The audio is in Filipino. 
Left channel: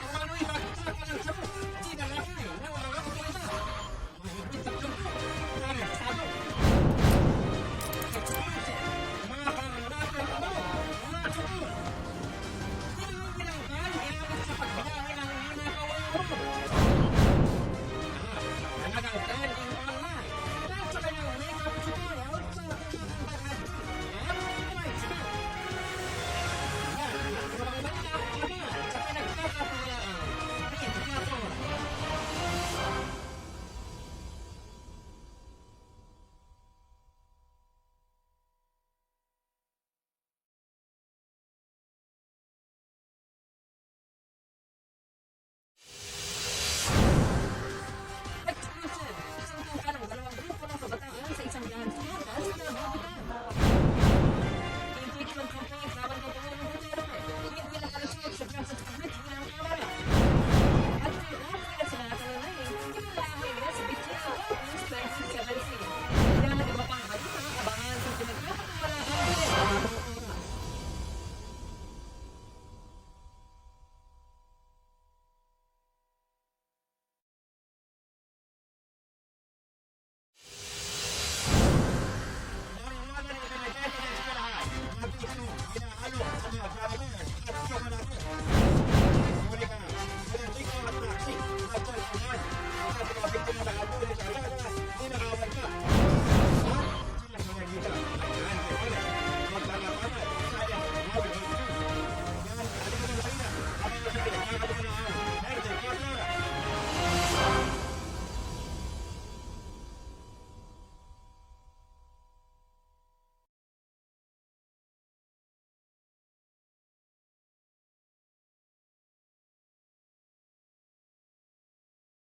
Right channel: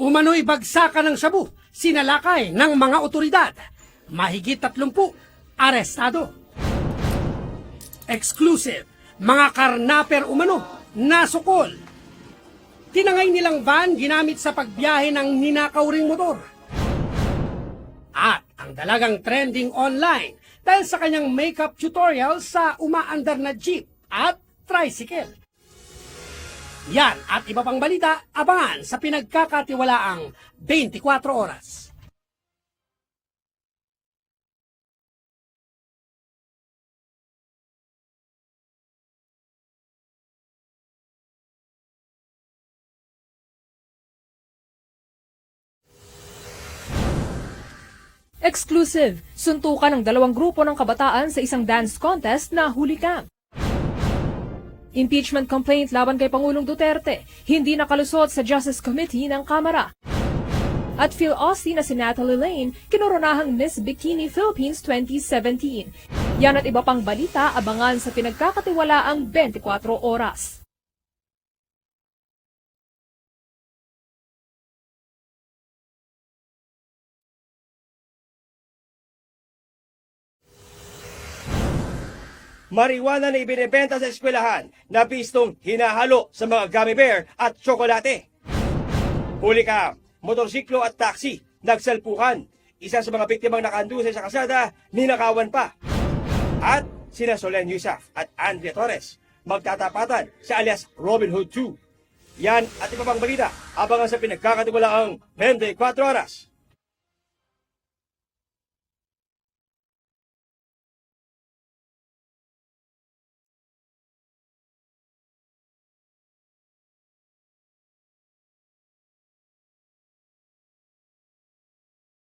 Umano'y bagsakan ng shabu, sinalakay ng mga otoridad. Mahigit 30, arestado. Exclusive, mga karnaper umano, nasukol. Tinangay nilang van ginamit sa pagbiyahe ng ninakaw ring motor. At ang dalagang trending online dahil sa kanyang makeup tutorial sa umaandar na jeep at tricycle. Yan at iba pang balita, abangan sa pinagkakatiwalaang 24 oras. Exclusive, suntukan ng dalawang grupo ng kabataan sa isang dance contest na huli camp. Impeachment complaint laban kay Pangulong Duterte, hindi nakalusot sa Justice Committee ng Kamara. At Phil Austin na si Natalie Lane, kinuronahang Miss Bikini Philippines 2017. Yan at iba pang balita, abangan sa pinagkakatiwalaang 24 oras. Marijuana na ibinebenta sa eskwelahan na bistong hinahalo sa mga gummy bear at tsokolate. Huli ka, motorsiklo at taxi, nagsalpuhan. Isa sa mga biktimang nakandusay sa kalsada, ninakawan pa. At sina Solen Yusa at Andrea Torres, magtatapatan sa alias Robin Hood 2. Yan at iba pang balita, abangan sa pinagkakatiwalaang 24 oras.